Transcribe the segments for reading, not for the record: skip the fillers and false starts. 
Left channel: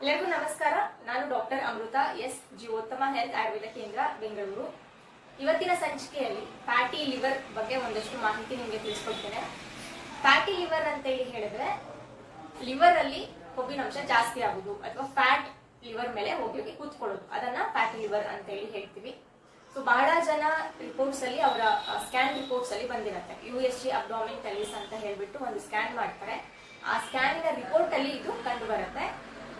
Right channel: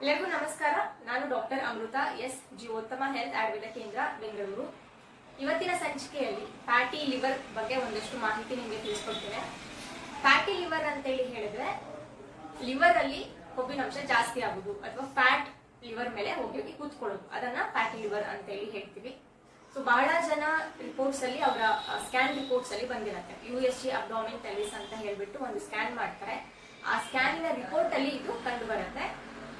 ಎಲ್ಲರಿಗೂ ನಮಸ್ಕಾರ. ನಾನು ಡಾಕ್ಟರ್ ಅಮೃತ ಎಸ್ ಜೀವೋತ್ತಮ ಹೆಲ್ತ್ ಆಯುರ್ವೇದ ಕೇಂದ್ರ ಬೆಂಗಳೂರು. ಇವತ್ತಿನ ಸಂಚಿಕೆಯಲ್ಲಿ ಫ್ಯಾಟಿ ಲಿವರ್ ಬಗ್ಗೆ ಒಂದಷ್ಟು ಮಾಹಿತಿ ನಿಮಗೆ ತಿಳಿಸ್ಕೊಡ್ತೇನೆ. ಫ್ಯಾಟಿ ಲಿವರ್ ಅಂತ ಹೇಳಿದ್ರೆ ಲಿವರ್ ಅಲ್ಲಿ ಕೊಬ್ಬಿನಂಶ ಜಾಸ್ತಿ ಆಗುದು ಅಥವಾ ಫ್ಯಾಟ್ ಲಿವರ್ ಮೇಲೆ ಹೋಗಿ ಕೂತ್ಕೊಳ್ಳೋದು, ಅದನ್ನ ಫ್ಯಾಟಿ ಲಿವರ್ ಅಂತ ಹೇಳ್ತೀವಿ. ಸೊ ಬಹಳ ಜನ ರಿಪೋರ್ಟ್ಸ್ ಅಲ್ಲಿ ಅವರ ಸ್ಕ್ಯಾನ್ ರಿಪೋರ್ಟ್ಸ್ ಅಲ್ಲಿ ಬಂದಿರುತ್ತೆ. USG ಅಬ್ಡಾಮಿನ್ ಪೆಲ್ವಿಸ್ ಅಂತ ಹೇಳ್ಬಿಟ್ಟು ಒಂದು ಸ್ಕ್ಯಾನ್ ಮಾಡ್ತಾರೆ. ಆ ಸ್ಕ್ಯಾನಿನ ರಿಪೋರ್ಟ್ ಅಲ್ಲಿ ಇದು ಕಂಡು ಬರುತ್ತೆ.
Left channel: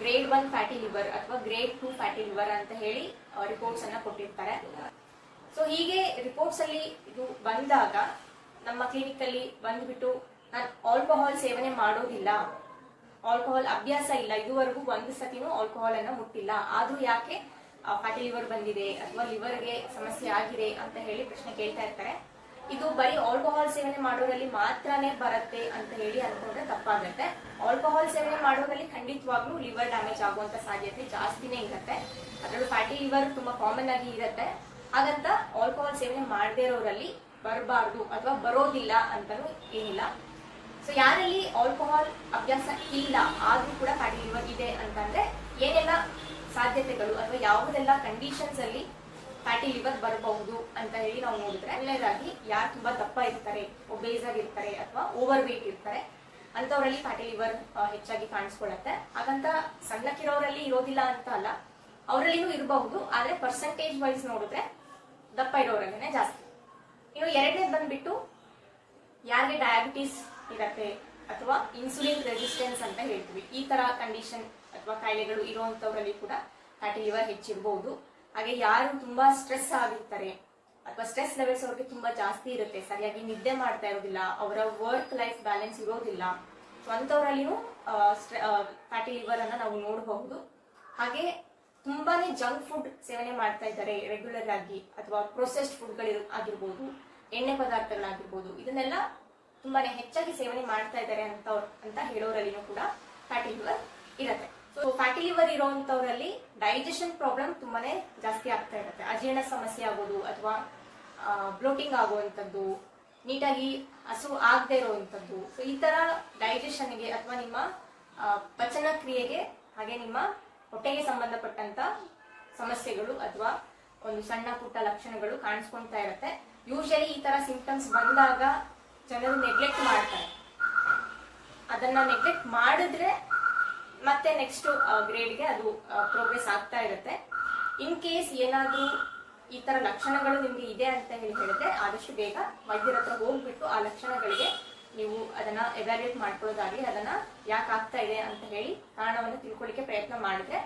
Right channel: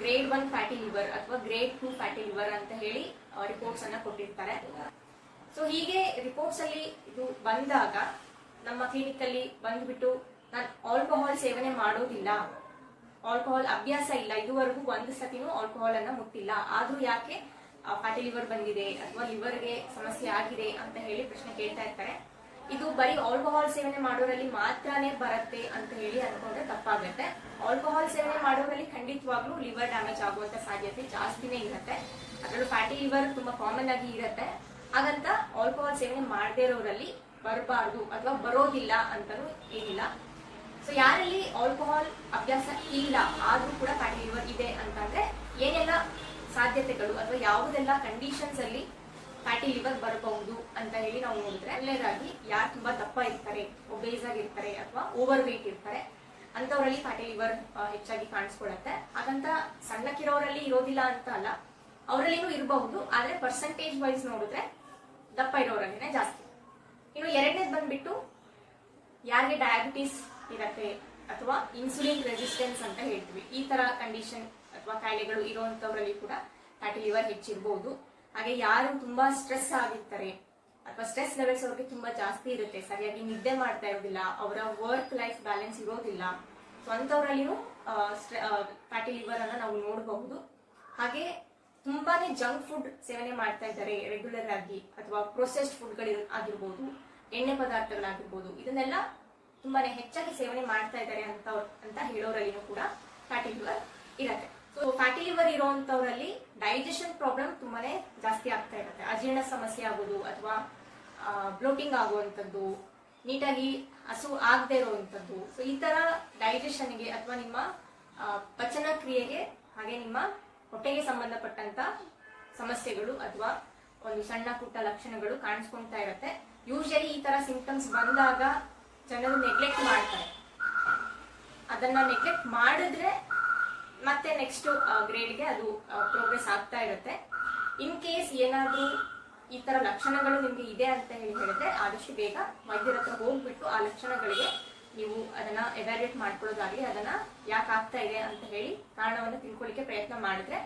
ಗ್ರೇಡ್ 1 ಫ್ಯಾಟಿ ಲಿವರ್ ಅಥವಾ ಗ್ರೇಡ್ 2 ಫ್ಯಾಟಿ ಲಿವರ್ ಅಂತ ಹೇಳಿ ರಿಪೋರ್ಟ್ಸ್ ಅನ್ನ ಕೊಟ್ಟಿರ್ತಾರೆ. ಸೊ ಹೀಗೆ ರಿಪೋರ್ಟ್ಸ್ ಅಲ್ಲಿ ಇದು ಬಂದಾಗ ನಮ್ಮ ಕ್ಲಿನಿಕ್ ಅಲ್ಲಿ ಬಂದ್ಬಿಟ್ಟು ನಾನು ಆಲ್ಕೋಹಾಲ್ ಸೇವನೆ ಮಾಡೋದಿಲ್ಲ, ಆಲ್ಕೋಹಾಲ್ ಅಭ್ಯಾಸ ಇಲ್ಲ, ಇದುವರೆಗೂ ಒಂದು ಸತಿನೂ ಆಲ್ಕೋಹಾಲ್ ಅನ್ನ ಮುಟ್ಟಿಲ್ಲ, ಆದ್ರೂ ಯಾಕೆ ಫ್ಯಾಟಿ ಲಿವರ್ ಬಂದಿದೆ ಅಥವಾ ಲಿವರ್ಗೆ ಸಮಸ್ಯೆ ಆಗಿದೆ ಅಂತ ಹೇಳಿ ಪ್ರಶ್ನೆ ಕೇಳ್ತಾ ಇರ್ತಾರೆ. ಇದು ಬರೀ ಆಲ್ಕೋಹಾಲ್ ಸೇವನೆ ಮಾಡೋರಲ್ಲಿ ಮಾತ್ರನೇ ಬರುತ್ತೆ ಅಂತ ಹೇಳಿ ಅನ್ಕೊಂಡ್ರೆ ತಪ್ಪಾಗುತ್ತೆ. ಆಲ್ಕೋಹಾಲ್ ಸೇವನೆ ಮಾಡೋರಲ್ಲಿ ಖಂಡಿತವಾಗ್ಲೂ ಲಿವರ್ ಡ್ಯಾಮೇಜ್ ಆಗುವಂತ ಸಾಧ್ಯತೆ ಜಾಸ್ತಿನೇ ಇರುತ್ತೆ. ಅದರಲ್ಲೂ ಫ್ಯಾಟಿ ಲಿವರ್ ತುಂಬಾ ಕಾಮನ್ ಆಗಿ ಇರುತ್ತೆ. ಹಾಗಂತ ಆಲ್ಕೋಹಾಲ್ ಸೇವನೆ ಮಾಡದೇ ಇರೋರಲ್ಲಿ ಬರಬಾರ್ದು ಅಥವಾ ಬರೋದಿಲ್ಲ ಅಂತಾನು ಏನಿಲ್ಲ. ಸೊ ಯಾರಲ್ಲಿ ಆಲ್ಕೋಹಾಲ್ ಅಭ್ಯಾಸ ಇಲ್ಲ ಆದ್ರೂ ಕೂಡ ಫ್ಯಾಟಿ ಲಿವರ್ ಇದೆ ಅಂತಂದ್ರೆ ಏನೆಲ್ಲ ಸಾಧ್ಯತೆಗಳು ಅಥವಾ ಯಾವುದೆಲ್ಲ ಕಂಡೀಷನ್ಸ್ ಅಲ್ಲಿ ಫ್ಯಾಟಿ ಲಿವರ್ ಬರಬಹುದು ಅಂತ ಹೇಳಿ ನಾವು ನೋಡಿದ್ರೆ, ಒಳ್ಳೆಯದಾಗಿ ಯಾರು ತುಂಬಾ ದಪ್ಪ ಇರ್ತಾರೆ, ಒಬೇಸ್ ಆಗಿರ್ತಾರೆ ಅಥವಾ ಓವರ್ ವೇಟ್ ಇರ್ತಾರೆ ಅಂತವರಲ್ಲಿ ಫ್ಯಾಟಿ ಲಿವರ್ ಹೆಚ್ಚಾಗಿ ಕಾಣಿಸ್ಕೊಳ್ಳುತ್ತೆ. ಹಾಗಂತ ಸಣ್ಣಕ್ಕಿರೋರಲ್ಲಿ ಇರೋದಿಲ್ಲ ಅಂತ ಅಲ್ಲ, ಅವರಲ್ಲಿನೂ ಇರಬಹುದು, ಆದ್ರೆ ಪರ್ಸೆಂಟೇಜ್ ವೈಸ್ ನೋಡಿದ್ರೆ ದಪ್ಪ ಇರೋರಲ್ಲಿನೇ ಜಾಸ್ತಿ. ಇನ್ನು ಎರಡನೇದು ಬಂದ್ಬಿಟ್ಟು ಯಾರಿಗೆ ಡಯಾಬಿಟಿಸ್ ಇರತ್ತೆ ಅಥವಾ ಇನ್ಸುಲಿನ್ ರೆಸಿಸ್ಟೆನ್ಸ್ ಅಂತ ಹೇಳ್ತೀವಿ, ಈ ತರ ಕಂಡೀಷನ್ ಅಥವಾ ಕಾಯಿಲೆಗಳು ಇರುವಂತವರಲ್ಲಿ ಕೂಡ ಫ್ಯಾಟಿ ಲಿವರ್ ಹೆಚ್ಚಿರಬಹುದು. ಹಾಗೆ ಯಾರು ತುಂಬಾ ಸ್ಟ್ರೆಸ್ ಆಗಿರ್ತಾರೆ ಅಥವಾ ಸ್ಟ್ರೆಸ್ ಲೆವೆಲ್ಸ್ ಅವ್ರಿಗೆ ತುಂಬಾ ಜಾಸ್ತಿ ಇರುತ್ತೆ, ಸರಿಯಾಗಿ ನಿದ್ದೆ ಮಾಡ್ತಾ ಇರೋದಿಲ್ಲ, ಅವರ ವರ್ಕ್ ಲೈಫ್ ಬ್ಯಾಲೆನ್ಸ್ ಇರೋದಿಲ್ಲ, ಸೊ ಅಂತವರಲ್ಲಿನೂ ಫ್ಯಾಟಿ ಲಿವರ್ ಅನ್ನ ನಾವು ನೋಡಬಹುದು. ಹಾಗೆ ತುಂಬಾನೇ ಜಂಕ್ ಫುಡ್ ಸೇವನೆ ಮಾಡ್ತಾ ಇದ್ದಾರೆ ರೆಗ್ಯುಲರ್ ಆಗಿ, ಅಥವಾ ಪ್ರೊಸೆಸ್ಡ್ ಫುಡ್ಗಳು ಆಗಿರ್ಬೋದು, ಎಣ್ಣೆ ಪದಾರ್ಥಗಳಾಗಿರ್ಬೋದು, ಇದನ್ನೆಲ್ಲ ತುಂಬಾನೇ ಹೆಚ್ಚಾಗಿ ಸೇವನೆ ಮಾಡ್ತಾ ಇದ್ದಾರೆ ಅಂತ ಹೇಳೋರಲ್ಲಿನೂ ಕೂಡ ಫ್ಯಾಟಿ ಲಿವರ್ ಇರುತ್ತೆ. ಸೊ ಫ್ಯಾಟಿ ಲಿವರ್ ಇರುವಂತವರಲ್ಲಿ ಡೈಜೆಷನ್ ಪ್ರಾಬ್ಲಮ್ ತುಂಬಾನೇ ಜಾಸ್ತಿ ಆಗ್ತಾ ಇರುತ್ತೆ. ಅಜೀರ್ಣ ಸಮಸ್ಯೆ ಆಗೋದು ಅಥವಾ ಬ್ಲೋಟಿಂಗ್ ಆಗುವಂಥದ್ದು, ನೀಟಾಗಿ ಹಸು ಆಗದೆ ಇರುವಂತದ್ದು, ಸೊ ಈ ತರ ಡೈಜೆಷನ್ಗೆ ಅಥವಾ ನಿಮ್ಮ ಪಚನ ಕ್ರಿಯೆಗೆ ಹಾಗೆ ನಿಮ್ಮ ಹೊಟ್ಟೆಗೆ ಸಂಬಂಧಪಟ್ಟಂತ ಸಮಸ್ಯೆಗಳು ಅಥವಾ ಒಂದು ಸಣ್ಣ ಪುಟ್ಟ ಲಕ್ಷಣಗಳು ಕಾಣಿಸ್ಕೊಳ್ತಾ ಇರುತ್ತೆ. ಯೂಶಲಿ ಈ ತರ ಸಿಂಪ್ಟಮ್ಸ್ ಬಂದಾಗ ಜನರು ನೆಗ್ಲೆಕ್ಟ್ ಮಾಡ್ತಾರೆ. ಅದನ್ನ ನೆಗ್ಲೆಕ್ಟ್ ಮಾಡಿದ್ರೆ ಮತ್ತೆ ನೆಕ್ಸ್ಟ್ ಗ್ರೇಡ್ಗೆ ಅದು ಪ್ರೋಗ್ರೆಸ್ ಆಗ್ತಾ ಇರುತ್ತೆ. ಇನ್ ಕೇಸ್ ಏನಾದ್ರೂ ಈ ತರ ಲಕ್ಷಣಗಳು ನಿಮ್ಗೆ ಇದೆ ಅಂತ ಹೇಳಿದ್ರೆ ಆದಷ್ಟು ಬೇಗ ವೈದ್ಯರ ಹತ್ರ ಹೋಗ್ಬಿಟ್ಟು ಆ ಲಕ್ಷಣಗಳಿಗೆ ನೀವು ಅದನ್ನ ಎವ್ಯಾಲ್ಯೂಯೇಟ್ ಮಾಡ್ಕೊಳ್ಳೋದಾಗ್ಲಿ, ಅದನ್ನ ಯಾಕೆ ಆಗ್ತಾ ಇದೆ ಅಂತ ಹೇಳಿ ಕಾರಣವನ್ನ ತಿಳ್ಕೊಳ್ಳಿಕ್ಕೆ ಪ್ರಯತ್ನ ಮಾಡಿದ್ರೆ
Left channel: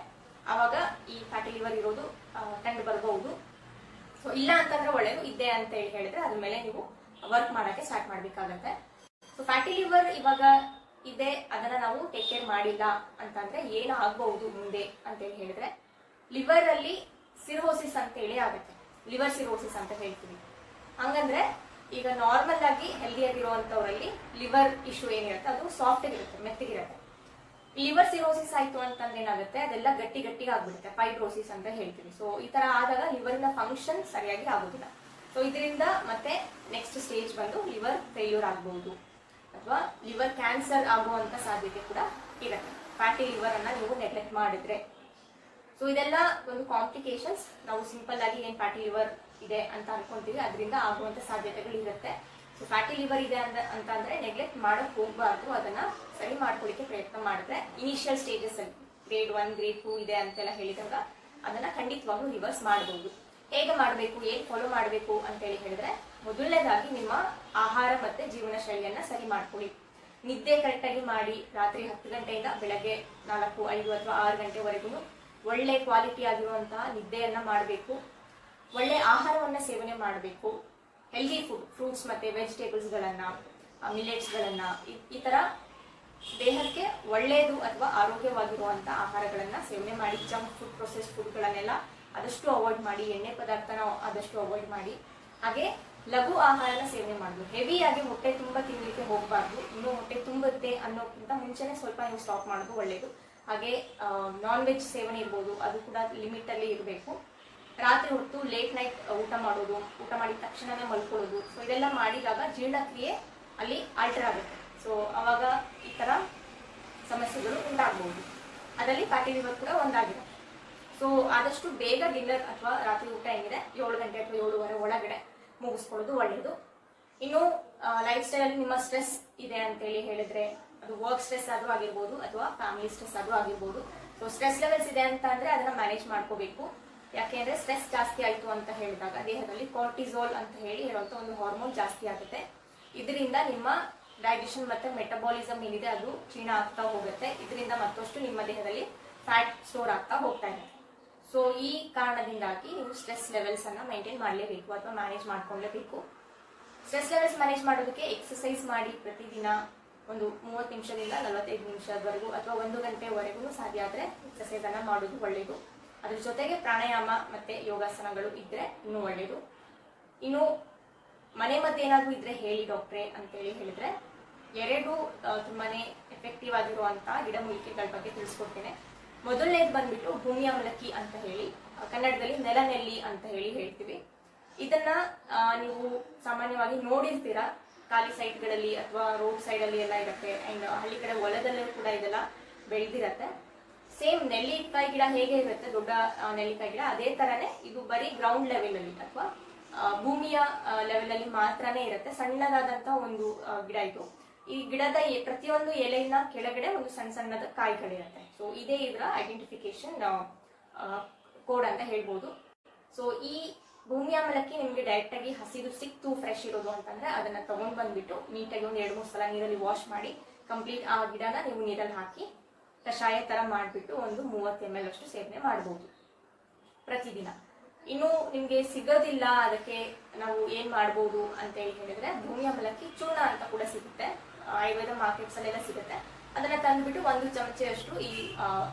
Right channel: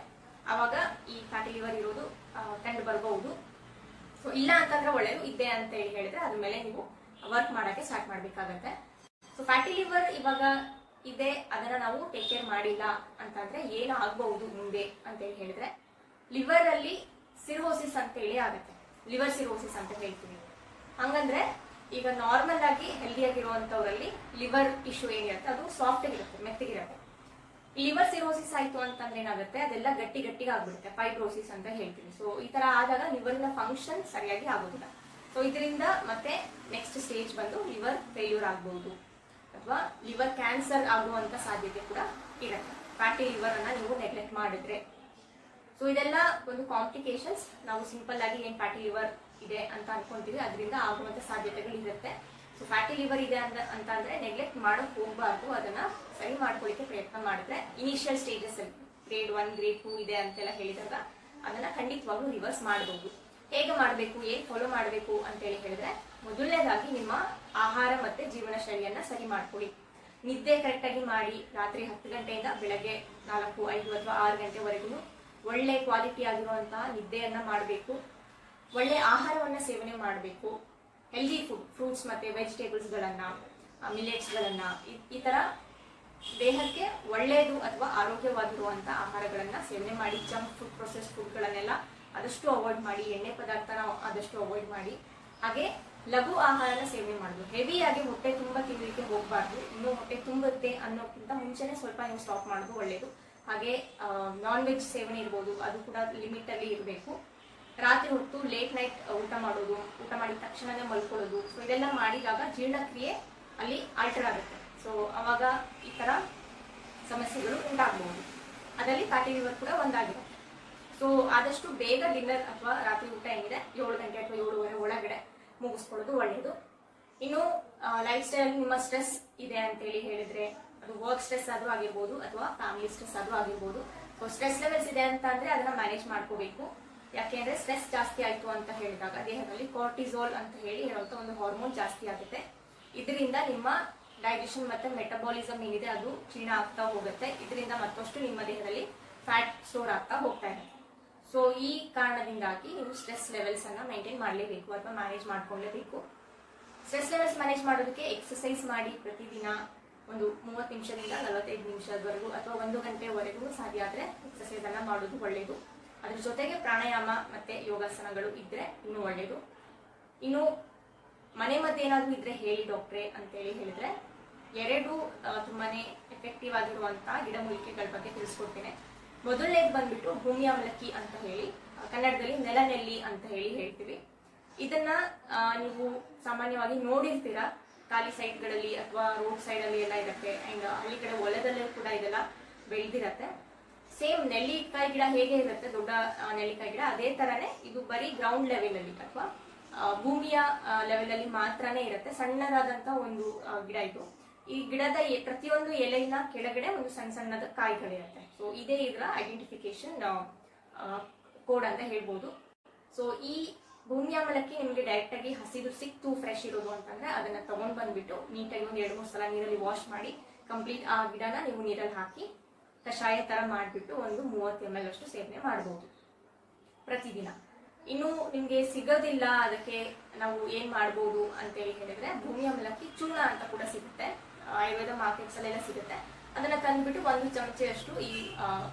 ಅವಾಗ ಈ ಫ್ಯಾಟಿ ಲಿವರ್ ಇರೋದು ಕಂಡು ಬರಬಹುದು. ಸೊ ಇಲ್ಲ ಅಂತಂದ್ರೆ ಒಳ್ಳೇದು, ಇದೆ ಅಂತ ಹೇಳಿದ್ರೆ ಅದ್ರ ಮೇಲೆ ನೀವು ವರ್ಕ್ ಮಾಡಕ್ಕೆ ಸ್ಟಾರ್ಟ್ ಮಾಡ್ಬೇಕಾಗತ್ತೆ. ಸೊ ಫ್ಯಾಟಿ ಲಿವರ್ ಇವಾಗ ಇದೆ, ಅದನ್ನ ನಾವು ಟೇಕ್ ಕೇರ್ ಮಾಡಿಲ್ಲ ಅಂತಂದ್ರೆ ಏನು ಆಗಬಹುದು ಮುಂದೆ ಅಂತ ಹೇಳಿದ್ರೆ, ಲಿವರ್ ಅಲ್ಲಿ ಸಿರೋಸಿಸ್ ಅಂತ ಹೇಳಿ ಆಗುತ್ತೆ. ಲಿವರ್ ಸಿರೋಸಿಸ್ ಅಂತ ಹೇಳ್ತೀವಿ. ಹಂಗಂದ್ರೆ ಈಗ ನಾರ್ಮಲ್ ಆಗಿ ಹೆಲ್ದಿ ಆಗಿರುವಂತವರಲ್ಲಿ ಲಿವರ್ ಇಶ್ಯೂ ಏನಿರುತ್ತೆ ಅದು ಸಾಫ್ಟ್ ಆಗಿರುತ್ತೆ, ಮೆತ್ತಗಿರುತ್ತೆ. ಲಿವರ್ ಸಿರೋಸಿಸ್ ಆಯ್ತು ಅಂತಂದ್ರೆ ಏನಾಗುತ್ತೆ, ಅದೆಲ್ಲ ಗಟ್ಟಿಗೆ ಆಗ್ಬಿಡುತ್ತೆ, ಫೈಬ್ರೋಸಿಸ್ ಅಂತ ಹೇಳ್ತೀವಿ. ಸೊ ಈ ತರ ಆದಾಗ ಲಿವರ್ನ ಫಂಕ್ಷನ್ ಸರಿಯಾಗಿ ಆಗೋದಿಲ್ಲ. ಸೊ ಇದರಿಂದ ಮತ್ತೆ ನೆಕ್ಸ್ಟ್ ಸ್ಟೇಜ್ ಬಂದು ಲಿವರ್ ಫೇಲ್ಯೂರ್ ಆಗಬಹುದು ಅಥವಾ ಲಿವರ್ ಕ್ಯಾನ್ಸರ್ ಆಗುವಂತ ಸಾಧ್ಯತೆ ಕೂಡ ಇರುತ್ತೆ ಫ್ಯಾಟಿ ಲಿವರ್ ಅನ್ನ ನೀವು ನೆಗ್ಲೆಕ್ಟ್ ಮಾಡಿದ್ರೆ. ಸೊ ಇದೆಲ್ಲ ಒಂದು ಕಾಂಪ್ಲಿಕೇಶನ್ಸ್. ನಾವು ಸಿಂಪಲ್ ಆಗಿ ಏನ್ ಫ್ಯಾಟಿ ಲಿವರ್ ಇದೆ ಅಂತ ಅನ್ಕೊಂತೀವಿ, ಅದರಿಂದ ಆಗುವಂತ ಸಾಧ್ಯತೆಗಳು ಇರುತ್ತೆ. ಸೊ ಫ್ಯಾಟಿ ಲಿವರ್ ಇದೆ ಅಂತಂದ್ರೆ ನೆಗ್ಲೆಕ್ಟ್ ಮಾಡಕ್ ಹೋಗ್ಬಾರ್ದು, ಅದನ್ನ ಸರಿ ಮಾಡ್ಕೊಳ್ಳಿಕ್ಕೆ ಪ್ರಯತ್ನ ಮಾಡಿದ್ರೆ ಇನಿಷಿಯಲ್ ಸ್ಟೇಜಸ್ ಅಲ್ಲಿ ಗ್ರೇಡ್ 1 ಗ್ರೇಡ್ 2 ಇದೆ ಅಂತೆಲ್ಲ ಹೇಳಿದಾಗ ಅದನ್ನ ಖಂಡಿತವಾಗ್ಲೂ ರಿವರ್ಸ್ ಮಾಡಬಹುದು. ಹೇಗೆ ಮಾಡಬೇಕು, ಏನ್ ಫಾಲೋ ಮಾಡಬೇಕು ಅಂತ ಹೇಳಿದ್ರೆ, ಮೊದಲನೇದಾಗಿ ನಿಮ್ಮ ಆಹಾರ ಮತ್ತೆ ಜೀವನ ಶೈಲಿಯನ್ನ ಸರಿ ಮಾಡ್ಕೊಳ್ಳಿ. ನಿದ್ದೆ ಕರೆಕ್ಟ್ ಆಗಿ ಮಾಡಿ. ರಾತ್ರಿ 10 ಗಂಟೆಯಿಂದ ಬೆಳಗ್ಗೆ 4, 5 ಅಥವಾ 6 ಗಂಟೆವರೆಗೂ ಒಳ್ಳೆ ಕ್ವಾಲಿಟಿ ಆಗಿರುವಂತಹ ನಿದ್ದೆಯನ್ನ ಮಾಡಬೇಕು. ಒಳ್ಳೆ ಆಹಾರವನ್ನ ಸೇವನೆ ಮಾಡಬೇಕು. ಹೆಲ್ದಿ ಫುಡ್, ಫ್ರೂಟ್ಸ್ ಮತ್ತೆ ವೆಜಿಟೇಬಲ್ಸ್ ಗಳನ್ನ, ಮಿಲೆಟ್ಸ್ ಗಳನ್ನ, ಈ ತರ ದೇಹಕ್ಕೆ ಒಳ್ಳೆಯದು ಅಥವಾ ಆರೋಗ್ಯವಾಗಿರುವಂತ ಆಹಾರಗಳನ್ನ ಸೇವನೆ ಮಾಡಿ. ಜಂಕ್ ಫುಡ್, ಪ್ರೊಸೆಸ್ಡ್ ಫುಡ್ ಗಳನ್ನೆಲ್ಲ ಆದಷ್ಟು ಅವಾಯ್ಡ್ ಮಾಡಿ. ಎಣ್ಣೆ ಪದಾರ್ಥನ ಆದಷ್ಟು ಅವಾಯ್ಡ್ ಮಾಡಿ. ಹಾಗೆ ಲಘು ಆಹಾರನ ಸೇವನೆ ಮಾಡುದು. ಹೆವಿ ಆಗಿ ಹೊಟ್ಟೆ ತುಂಬಾ ತಿನ್ಲಿಕ್ಕೆ ಹೋಗ್ಬಾರ್ದು. ಇನ್ನು ಹೊಟ್ಟೆ ತುಂಬುತ್ತೆ ಅನ್ನೋಕ್ಕಿಂತ ಮುಂಚೆನೆ ಸ್ವಲ್ಪ ನೀವು ಸ್ಟಾಪ್ ಮಾಡೋದು ಒಳ್ಳೇದು. ಹಾಗೆ ನಾನ್ ವೆಜ್ ಸೇವನೆ ಇರ್ಬೋದು, ಅದು ಕೂಡ ಲಿಮಿಟ್ ಅಲ್ಲಿ ಇರಬೇಕು. ರಾತ್ರಿ ಹೊತ್ತು ಲೇಟ್ ನೈಟ್ ಊಟ ಮಾಡೋದು, ಊಟ ಮಾಡಿದ ತಕ್ಷಣನೇ ಮಲ್ಕೊಳ್ಳೋದು, ಸೊ ಇದೆಲ್ಲ ಮಾಡಿದಾಗ ಜೀರ್ಣಕ್ರಿಯೆ ಅಲ್ಲಿ ಆಲ್ಟರ್ ಆಗುತ್ತೆ. ಸೊ ಅವಾಗ ಈ ತರ ಸಮಸ್ಯೆಗಳು ಉಂಟಾಗಬಹುದು. ಅದರಲ್ಲಿ ಫ್ಯಾಟಿ ಲಿವರ್ ಕೂಡ ಒಂದಾಗಿರುತ್ತೆ. ಸೊ ಆದಷ್ಟು ಬೇಗ ಡಿನ್ನರ್ ಅಥವಾ ರಾತ್ರಿ ಊಟ ಏನಿದೆ 7 ಗಂಟೆ ಅಥವಾ 7:30 ಒಳಗಡೆ ಮುಗಿಸ್ಕೊಳ್ಳೋದು ಒಳ್ಳೆಯದು. ಇನ್ನು ಲೈಫ್ ಸ್ಟೈಲ್ ನಿಮ್ಮ ಸ್ಟ್ರೆಸ್ ಇದೆ ಅಂತೇಳಿ ಹೇಳಿದ್ರೆ ಅದು ವರ್ಕ್ ಸ್ಟ್ರೆಸ್ ಆದ್ರೂ ಆಗಿರ್ಬೋದು ಅಥವಾ ಫ್ಯಾಮಿಲಿ ಸ್ಟ್ರೆಸ್ ಆದ್ರೂ ಆಗಿರ್ಬೋದು. ಸೊ ಸ್ಟ್ರೆಸ್ ಲೆವೆಲ್ಸ್ ಇದೆ ಅಂತ ಅಂದ್ರೆ ಅದನ್ನ ಮ್ಯಾನೇಜ್ ಮಾಡ್ಕೋಬೇಕು. ಯಾಕೆಂದ್ರೆ ಸ್ಟ್ರೆಸ್ ಜಾಸ್ತಿ ಆಯ್ತು ಅಂತ ಹೇಳಿದಾಗ ದೇಹದಲ್ಲಿ ಕಾರ್ಟಿಸೋಲ್ ಅಂತ ಹೇಳುವಂತ ಒಂದು ಹಾರ್ಮೋನ್ ಜಾಸ್ತಿ ಆಗುತ್ತೆ. ಇದರಿಂದ ನಿಮ್ಮ ಡೈಜೆಷನ್ ಮತ್ತೆ ಮೆಟಬಾಲಿಸಮ್ ಏನಿದೆ ಅದು ಕ್ಷೀಣ ಆಗ್ತಾ ಹೋಗುತ್ತೆ. ಇದರಿಂದ ಮತ್ತಷ್ಟು ನಿಮ್ಮ ದೇಹದಲ್ಲಿ ಫ್ಯಾಟ್ ಸ್ಟೋರ್ ಆಗ್ತಾ ಹೋಗ್ತಾ ಇದೆ. ಸೊ ಈ ಕಾರಣದಿಂದಾಗಿ ನೀವು ಸ್ಟ್ರೆಸ್ ಲೆವೆಲ್ಸ್ ಅನ್ನ ಮೇಂಟೈನ್ ಮಾಡಲೇಬೇಕು ಅಥವಾ ಮ್ಯಾನೇಜ್ ಮಾಡ್ಕೊಳ್ಳೇಬೇಕು. ಸ್ಟ್ರೆಸ್ ಲೆವೆಲ್ಸ್ ಮ್ಯಾನೇಜ್ ಮಾಡೋದಕ್ಕೆ ಎಕ್ಸರ್ಸೈಸ್ ಮಾಡಿ ಪ್ರತಿದಿನ ಒಂದು 30 ನಿಮಿಷದಿಂದ 45 ನಿಮಿಷದವರೆಗೂ ಅಥವಾ 1 ಗಂಟೆವರೆಗೂ ಸಾಧ್ಯ ಆದ್ರೆ ಎಕ್ಸರ್ಸೈಸ್ ಅನ್ನ ಮಾಡೋದು ಒಳ್ಳೆಯದು. ಅದ್ರ ಜೊತೆಗೆ ಪ್ರಾಣಾಯಾಮ ಮತ್ತೆ ಯೋಗಾಸನಗಳು ಇದ್ರೆ ಇನ್ನೂ ಒಳ್ಳೆಯದು. ಇನ್ನು ಮನೆ ಮದ್ದು ಏನಾದ್ರೂ ಇದ್ರೆ ಹೇಳಿ ಡಾಕ್ಟ್ರೆ ಅಂತೇಳಿ ಹೇಳಿದ್ರೆ 2 ತುಂಬಾನೇ ಎಫೆಕ್ಟಿವ್ ಆಗಿರುವಂತಹ ಗಿಡಮೂಲಿಕೆಗಳ ಬಗ್ಗೆ ತಿಳಿಸ್ಕೊಡ್ತೇನೆ. ಮೊದಲನೇದು ಬಂದ್ಬಿಟ್ಟು ಭೂಮಿ ಅವಲಕ್ಕಿ ಅಂತ ಹೇಳಿ, ಕನ್ನಡದಲ್ಲಿ ನೆಲನೆಲ್ಲಿ ಅಂತ ಹೇಳಿ ಹೇಳ್ತೀವಿ. ಇದನ್ನ ನೀವು ಸಾಮಾನ್ಯವಾಗಿ ನೋಡಿರ್ತೀರಾ, ಖಾಲಿ ಸೈಡ್ಗಳಲ್ಲಿ ಅಥವಾ ರೋಡ್ ಸೈಡ್ ಅಲ್ಲಿ ಎಲ್ಲ ಇರುತ್ತೆ. ಅಂಡ್ ಹಳ್ಳಿ ಕಡೆ ಹೊಲದಲ್ಲೂ ಕೂಡ ಇದೆಲ್ಲ ಬೆಳೆದಿರತ್ತೆ. ಸೇಮ್ ನೆಲ್ಲಿಕಾಯಿ ಗಿಡ ಹೇಗೆ ಇರುತ್ತೆ, ದೊಡ್ಡ ನೆಲ್ಲಿಕಾಯಿ ಗಿಡ, ಅದೇ ತರನೇ ಇದು ಬರೀ ಗ್ರೌಂಡ್ ಲೆವೆಲ್ ಅಲ್ಲಿ ಅಥವಾ ಭೂಮಿಯ ಲೆವೆಲ್ ಅಲ್ಲಿ ಮಾತ್ರನೇ ಇರುತ್ತೆ. ಸಣ್ಣದಾದಂತ ಒಂದು ಗಿಡ ಇದು. ಈ ಗಿಡದ ಪ್ರತಿಯೊಂದು ಎಲೆಯಿನ ಕೆಳಗಡೆ ಒಂದು ಸಣ್ಣ ಸಣ್ಣದ ಕಾಯಿಗಳಿರುತ್ತೆ. ಸೊ ಇದೇ ಇದರ ಐಡೆಂಟಿಫಿಕೇಶನ್ ಕೋಡ್ ಅಂತ ಹೇಳ್ಬೋದು. ಸೊ ಈ ಭೂಮಿ ಅವಲಕ್ಕಿ ನಿಮ್ಗೆ ಡೈರೆಕ್ಟ್ ಆಗಿ ಹಸಿದು ಸಿಕ್ತು ಫ್ರೆಶ್ ಇರೋದು ಅಂತಂದ್ರೆ ಅದನ್ನ ತಗೊಂಡ್ ಬಂದ್ಬಿಟ್ಟು ನೀಟಾಗಿ ಒಂದು 2-3 ಸಲ ನೀರಲ್ಲಿ ವಾಶ್ ಮಾಡಿ ಕಂಪ್ಲೀಟ್ ಆ ಗಿಡನ ನೀವು ನೀರಲ್ಲಿ ಹಾಕಿ ಕಷಾಯ ತರ ಮಾಡ್ಬಿಟ್ಟು ಒಂದು 30 ml ಅಷ್ಟು ಸೇವನೆ ಮಾಡಬಹುದು ಪ್ರತಿದಿನ. ಇನ್ನು ನಿಮ್ಗೆ ಸಿಗೋದಿಲ್ಲ, ಅದಕ್ಕೆ ನಾವು ಏನ್ ಮಾಡ್ಬೋದು ಅಂತ ಹೇಳಿದ್ರೆ ಭೂಮಿ ಅವಲಕ್ಕಿ ಚೂರ್ಣ ಅಂತ ಕೂಡ ಸಿಗುತ್ತೆ, ಆಯುರ್ವೇದ ಮಾರ್ಕೆಟ್ಸ್ ಅಲ್ಲೆಲ್ಲ ಸಿಗುತ್ತೆ. ಅದನ್ನ ತಂದ್ಬಿಟ್ಟು 1 ಚಮಚೆಯಷ್ಟು ಈ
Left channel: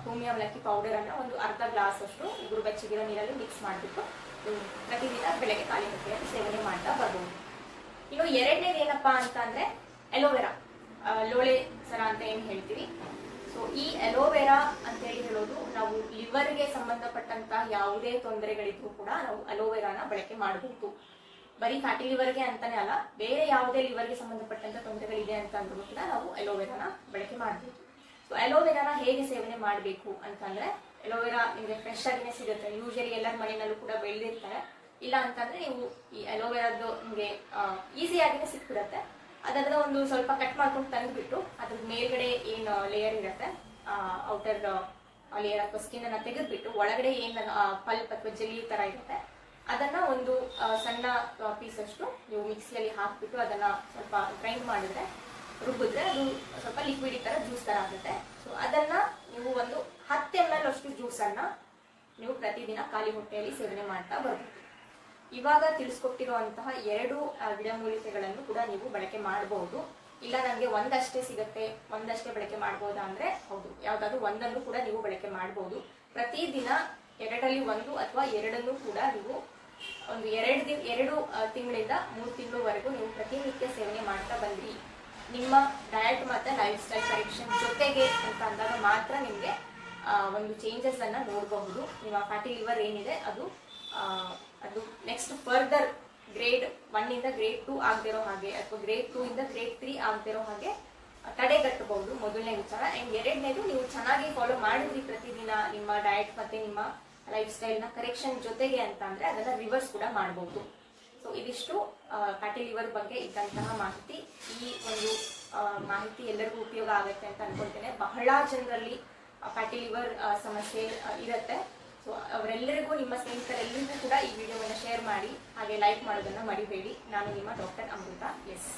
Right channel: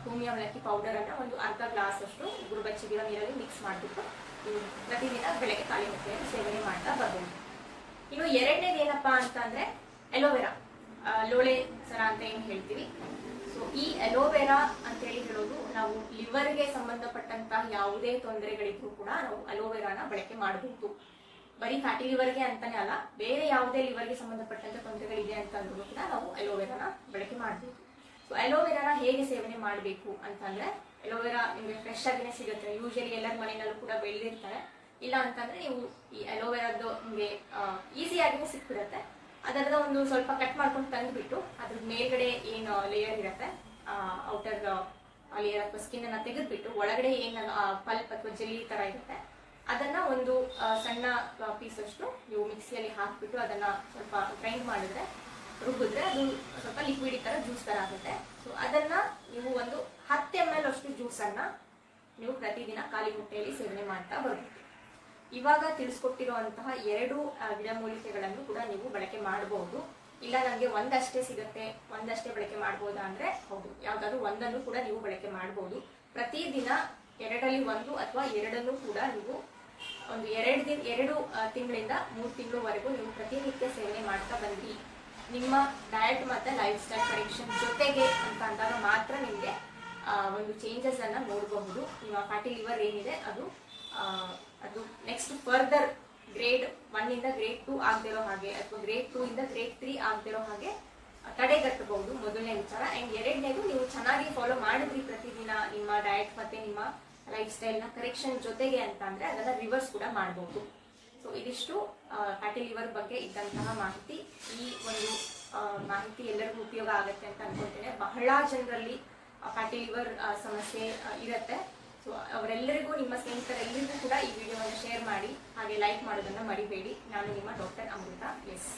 ಭೂಮಿ ಅವಲಕ್ಕಿ ಪೌಡರ್ ಅನ್ನ ಒಂದು ಅರ್ಧ ಗ್ಲಾಸ್ ಅಷ್ಟು ಉಗುರು ಬೆಚ್ಚಗಿರೋ ನೀರಲ್ಲಿ ಮಿಕ್ಸ್ ಮಾಡಿಬಿಟ್ಟು ಪ್ರತಿದಿನ ಬೆಳಗ್ಗೆ ಖಾಲಿ ಹೊಟ್ಟೆಯಲ್ಲಿ ಸೇವನೆ ಮಾಡ್ತಾ ಬರ್ಬೋದು. ಇನ್ನು 2ನೇದು ಏನಪ್ಪಾ ಅಂತ ಅಂದ್ರೆ ಅಲೋವೆರಾ, ಲೋಳೆ ಸರ ಅಂತ ಏನ್ ಹೇಳ್ತೀವಿ. ಸೊ ಈ ಅಲೋವೆರಾ ಅಂತ ಹೇಳೋದು ನಾವು ಲಿವರ್ಗೆ ಸಂಬಂಧಪಟ್ಟಂತಹ ಯಾವುದೇ ತೊಂದರೆಗಳಿದ್ರೂ ಕೂಡ ನಾವು ಅಲೋವೆರಾನ ಬಳಕೆ ಮಾಡಬಹುದು. ಬರೀ ಫ್ಯಾಟಿ ಲಿವರ್ಗೆ ಅಂತಾನೆ ಅಲ್ಲ, ಬೇರೆ ಯಾವುದೇ ಲಿವರ್ಗೆ ಸಂಬಂಧಪಟ್ಟಂತ ತೊಂದರೆಗಳಿದೆ ಅಂತ ಅಂದ್ರೂ ಕೂಡ ನಾವು ಅಲೋವೆರಾನ ಬಳಕೆ ಮಾಡಬಹುದು. ಸೊ ಅಲೋವೆರಾನ ಹೇಗೆ ಸೇವನೆ ಮಾಡಬೇಕು ಅಂತಂದ್ರೆ, ಅಲೋವೆರಾ ನಿಮಗೆ ಫ್ರೆಶ್ ಆಗಿನೇ ಸಿಗುತ್ತೆ. ಯೂಶಲಿ ಎಲ್ಲರ ಮನೆಯಲ್ಲೂ ಕೂಡ ಬೆಳೆದಿರ್ತಾರೆ. ಇಲ್ಲ ಅಂತಂದ್ರೆ ನೀವು ಈ ಅಲೋವೆರಾದ್ದು ನಿಮಗೆ ಈಸಿಯಾಗಿನೇ ಸಿಕ್ಬಿಡತ್ತೆ. ಅದರದ ಒಂದು ಸ್ವಲ್ಪ ಕಟ್ ಮಾಡ್ಕೊಂಡು ತಂದ್ಬಿಟ್ಟು ಅದ್ರ ಮೇಲ್ಗಡೆ ಏನು ಲೇಯರ್ ಇರುತ್ತೆ, ಔಟರ್ ಲೇಯರ್ ಅಥವಾ ಸ್ಕಿನ್ ಅನ್ನ ತೆಗೆದ್ಬಿಟ್ಟು ಒಳಗಡೆ ಏನ್ ಪಲ್ಪ್ ಅಥವಾ ಜೆಲ್ಲಿ ತರ ಇರುತ್ತೆ ಅದನ್ನ ಒಂದು ಸಣ್ಣ ಪೀಸ್ ಅಷ್ಟು ನೀವು ಮಿಕ್ಸಿಯಲ್ಲಿ ಹಾಕ್ಬಿಟ್ಟು ಅದನ್ನ ಸ್ವಲ್ಪ ಗ್ರೈಂಡ್ ಮಾಡಿದ್ರೆ, ರುಬ್ಬಿದ್ರೆ ಅದು ಸ್ವಲ್ಪ ಲಿಕ್ವಿಡ್ ತರ ಜ್ಯೂಸ್ ತರ ಆಗುತ್ತೆ. ಸೊ ಅದನ್ನ ನೀವು ಒಂದು 10 ml ಅಷ್ಟು ಜ್ಯೂಸ್ ಅನ್ನ ನೀವು ಪ್ರತಿದಿನ ಖಾಲಿ ಹೊಟ್ಟೆಯಲ್ಲಿ ಸೇವನೆ ಮಾಡ್ತಾ ಬರ್ಬೋದು. ಇವಾಗ ತಿಳಿಸ್ಕೊಟ್ಟಿರುವಂತಹ 2 ಗಿಡಮೂಲಿಕೆಗಳನ್ನು ಕೂಡ ನೀವು ಬಳಕೆ ಮಾಡಬಹುದು. ಇಲ್ಲ ನನಗೆ ಒಂದಷ್ಟೇ ಸಿಗತ್ತೆ, ಒಂದಷ್ಟೇ ಬಳಕೆ ಮಾಡಬಹುದಾ ಅಂದ್ರೆ ಹೌದು, ಯಾವ್ದಾದ್ರು ಒಂದನ್ನು ಕೂಡ ನೀವು ಬಳಕೆ ಮಾಡಬಹುದು. ಪ್ರತಿದಿನ 2ರಲ್ಲಿ 1 ಅಥವಾ 2 ಕೂಡ ನೀವು ಒಂದು 2 ತಿಂಗಳಿಂದ 3 ತಿಂಗಳವರೆಗೂ ನೀವು ಪ್ರತಿನಿತ್ಯ ಸೇವನೆ ಮಾಡ್ತಾ ಬಂದ್ರಿ, ನಿಮ್ಮ ಡಯಟ್ ಮತ್ತೆ ಲೈಫ್ ಸ್ಟೈಲ್ ಕರೆಕ್ಷನ್ ಜೊತೆಗೆ ಅಂತ ಅಂದಾಗ ಮಾತ್ರ ನಿಮ್ಗೆ ಒಂದು ಚೇಂಜಸ್ ಅನ್ನ ನೋಡಬಹುದು. ನಿಮ್ಮ ಫ್ಯಾಟಿ ಲಿವರ್ ಏನಿದೆ ಅದು ನೆಕ್ಸ್ಟ್ ಫರ್ದರ್ ಗ್ರೇಡ್ 1 ಇಂದ ಗ್ರೇಡ್ 2 ಆಗದಿರೋ ಹಾಗೆ ಅಥವಾ ಗ್ರೇಡ್ 2 ಇಂದ ಗ್ರೇಡ್ 3 ಆಗದಿರೋ ಹಾಗೆ ತಡೆಗಟ್ಟಬಹುದು. ಮೊದಲನೇ ವಿಚಾರ. ಅಂಡ್ 2ನೇದು ನೀವು ಚೆನ್ನಾಗಿ ಫಾಲೋ ಮಾಡಿದ್ರಿ ಪ್ರತಿದಿನ ನಿಮ್ಮ ಡಯಟ್ ಮತ್ತೆ ನಿಮ್ಮ ಲೈಫ್ ಸ್ಟೈಲ್ ನ ಕರೆಕ್ಷನ್ ಜೊತೆಗೆ ಅಂತ ಅಂದ್ರೆ ಅದನ್ನ ರಿವರ್ಸ್ ಕೂಡ ಮಾಡಬಹುದು. ಸೊ ಇದಿಷ್ಟು ಫ್ಯಾಟಿ ಲಿವರ್ ಬಗ್ಗೆ ಇದ್ದಂತಹ ಮಾಹಿತಿ. ಈ ಒಂದು ಮಾಹಿತಿ ಎಲ್ಲರಿಗೂ ಉಪಯೋಗ ಆಗುತ್ತೆ ಅಂತ ಅನ್ಕೊಳ್ತೇನೆ. ಬಹಳ ಜನರಲ್ಲಿ ಫ್ಯಾಟಿ ಲಿವರ್ ಸಮಸ್ಯೆ ಇರುತ್ತೆ. ಸೊ ಅವರೆಲ್ಲರಿಗೂ, ನಿಮ್ಮ ಸ್ನೇಹಿತರೆಲ್ಲರಿಗೂ ಕೂಡ ಈ ವಿಡಿಯೋವನ್ನು ಶೇರ್ ಮಾಡಿ, ಹಾಗೆ ಲೈಕ್ ಮಾಡೋದನ್ನ ಮರಿಬೇಡಿ. ನಾನು ನಿಮ್ಮ ಡಾಕ್ಟರ್ ಅಮೃತ. ಎಸ್.